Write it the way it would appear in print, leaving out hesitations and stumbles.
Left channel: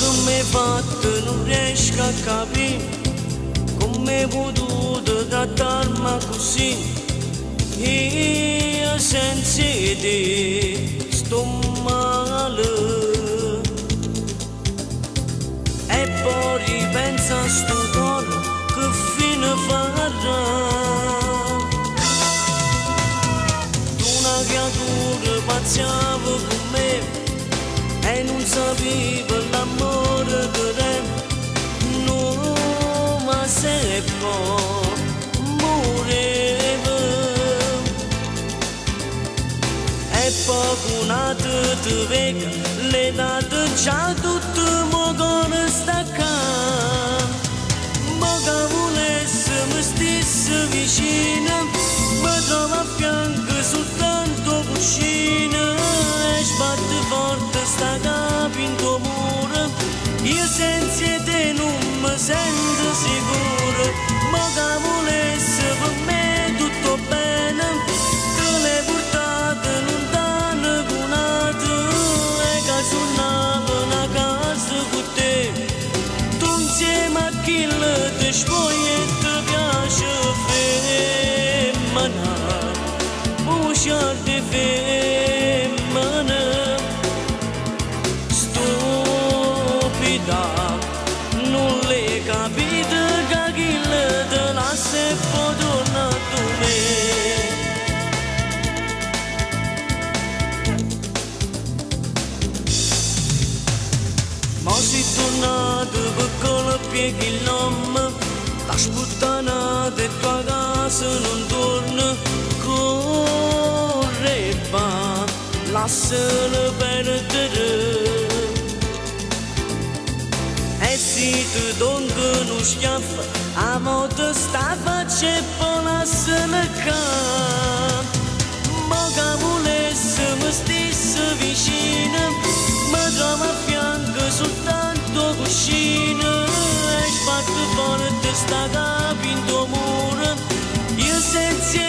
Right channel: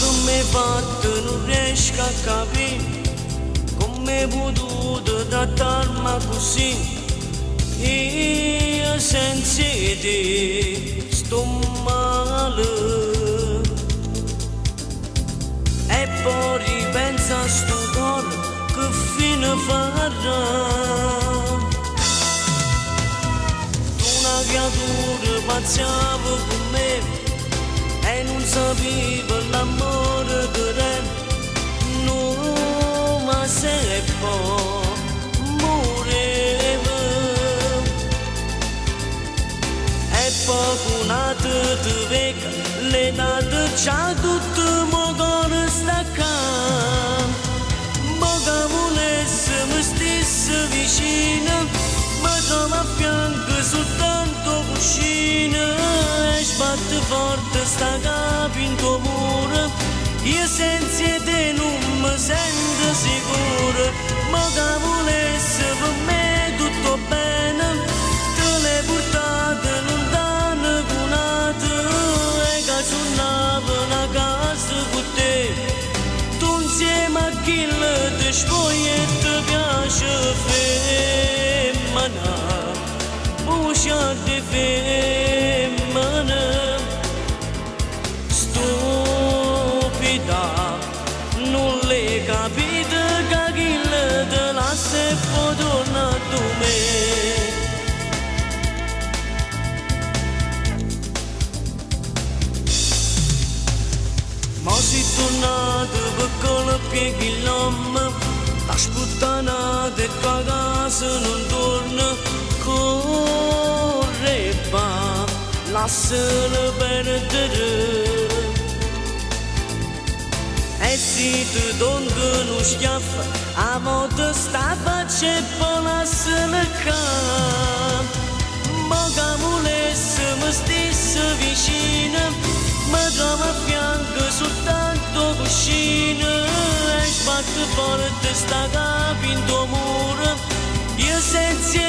come fatto non riesco a capire come hai potuto trattarmi così. Io senza te sto male e poi ripenso a sto cuore che fine farà. Una creatura pazziava con me e non sapeva l'amore che era. No, ma se poi moreva e poi una te vecchia le date già tutto mo cuore staccato. Ma che volesse mi stesse vicino, mi trova a fianco soltanto cuscino e sbatte forte sta capo in tuo muro. Io senza te non mi sento sicuro, ma che volesse per me tutto bene, te l'hai portato lontano con te e che suonava una casa con te. Tu insieme a chi ti spogli e ti piace femmina, uscia di femmina. Non le capite che chi le te lascia e poi torna a me. Ma si tornato per con pieghi l'uomo, la sputtanata e tua casa non torna, corre va, lasciala perdere. E se ti donno uno schiaffo, a modo sta faccia e poi lasciala cadere. Ma che volesse mi stesse vicino, mi trova a fianco soltanto cuscino e sbatte forte sta capo in tuo muro. Io senza